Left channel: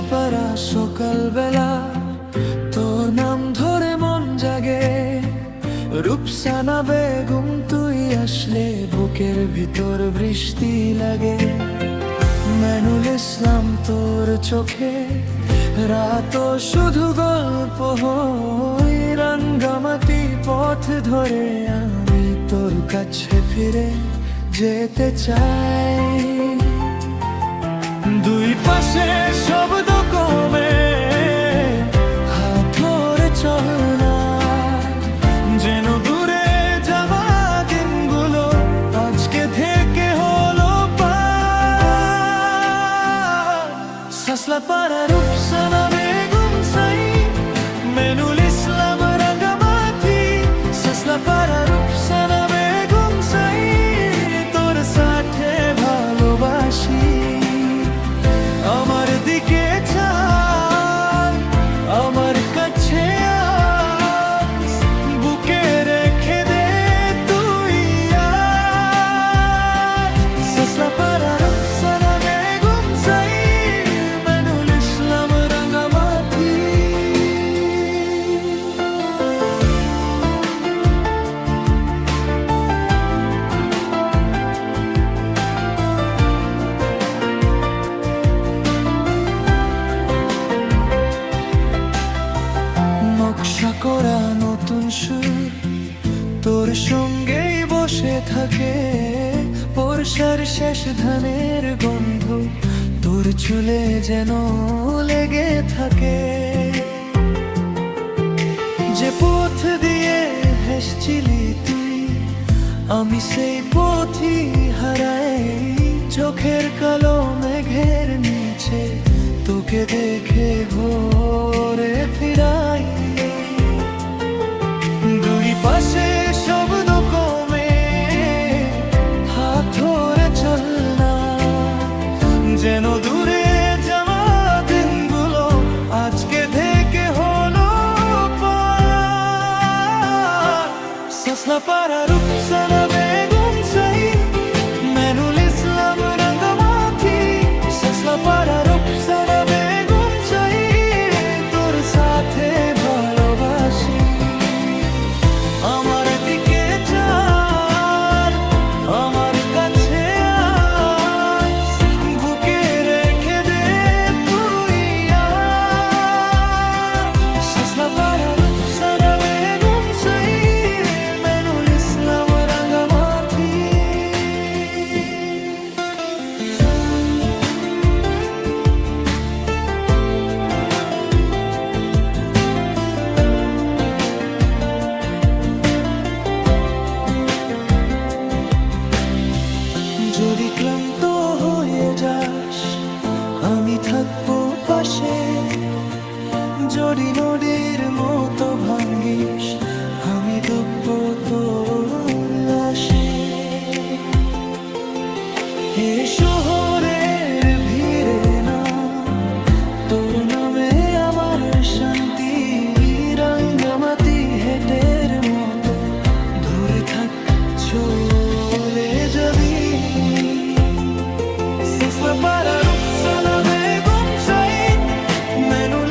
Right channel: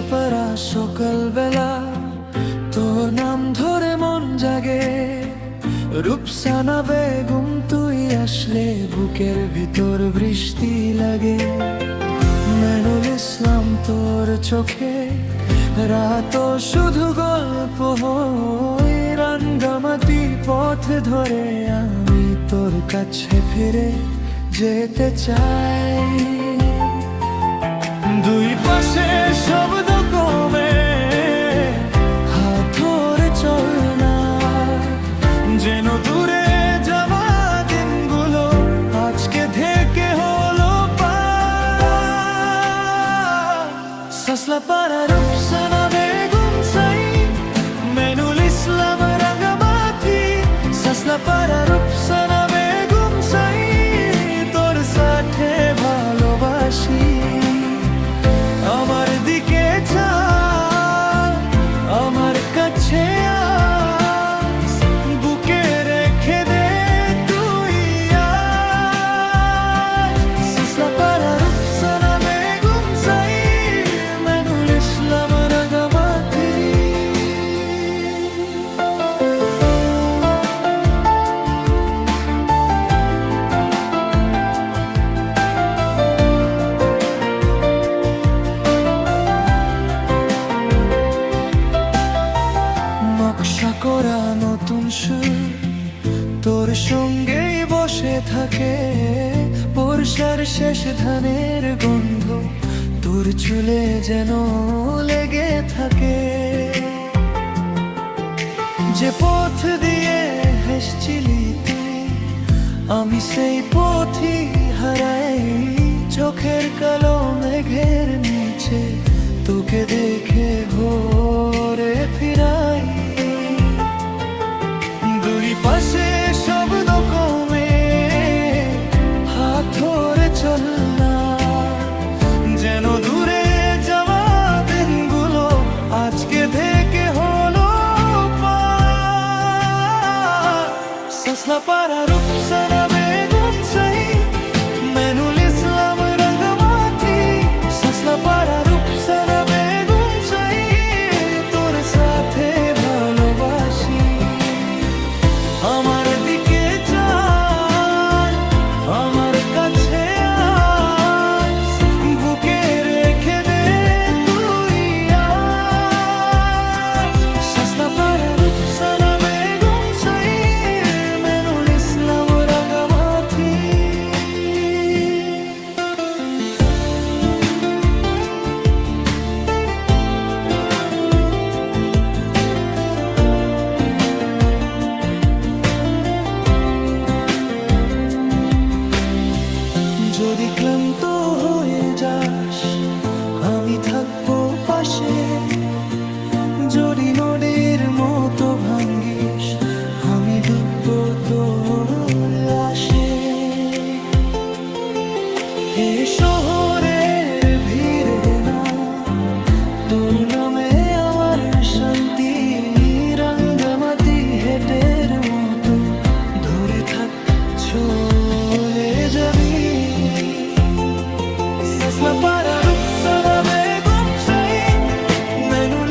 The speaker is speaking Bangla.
সসলাপাড়া সকালবেলা তোর নাম ধরে মন জাগে। রূপসানা বেগম তুই আসলে বুকের ভিতর বৃষ্টি লাগে। মেনুল ইসলাম তোর চোখে রাত শুধু গল্প হয়। রাঙ্গামাটি পথ ধরে আমি তোর কাছে ফিরে যেতে চাই। দুই পাশে শব্দ কমে হাত ধরে চল না, যেন দূরে যাওয়া দিনগুলো আজকে থেকে হলো পার। সসলাপাড়া রূপসানা বেগম সাই, মেনুল ইসলাম রাঙ্গামাটি। সসলাপাড়া রূপসানা বেগম সাই, তোর সাথে ভালোবাসি। আমার দিকে চাল, আমার কাছে আস, বুকে রেখে দে তুই আজ। সসলাপাড়া রূপসানা বেগম সাই, মেনুল ইসলাম রাঙ্গামাটি। নকশা করা নতুন সুর তোর সঙ্গেই বসে থাকে। বর্ষার শেষ ধানের গন্ধ তোর চুলে যেন লেগে থাকে। যে পথ দিয়ে হেসছিলি তুই, আমি সেই পথই হারাই। চোখের কালো মেঘের নিচে তোকে দেখে ঘরে ফিরাই। দুই পাশে শব্দ কমে হাত ধরে চল না, যেন দূরে যাওয়া দিনগুলো আজকে থেকে হলো পার। সসলাপাড়া রূপসানা বেগম সাই, মেনুল ইসলাম রাঙ্গামাটি। সসলাপাড়া রূপসানা বেগম সাই, তোর সাথে ভালোবাসি। আমার দিকে চাল, আমার কাছে আস, বুকে রেখে দে তুই আজ। সসলাপাড়া রূপসানা বেগম সাই, মেনুল ইসলাম রাঙ্গামাটি। যদি ক্লান্ত হয়ে যাস আমি থাকবো পাশে। যদি নদীর মতো ভাঙ্গিস আমি ডুববো তোর আসে। এ শহরের ভিড়ে না, তোর নামে আমার শান্তি। রাঙ্গামাটি হেটের মতো ধরে থাক, চলে যাবি। সসলাপাড়া রূপসানা বেগম সাই, মেনুল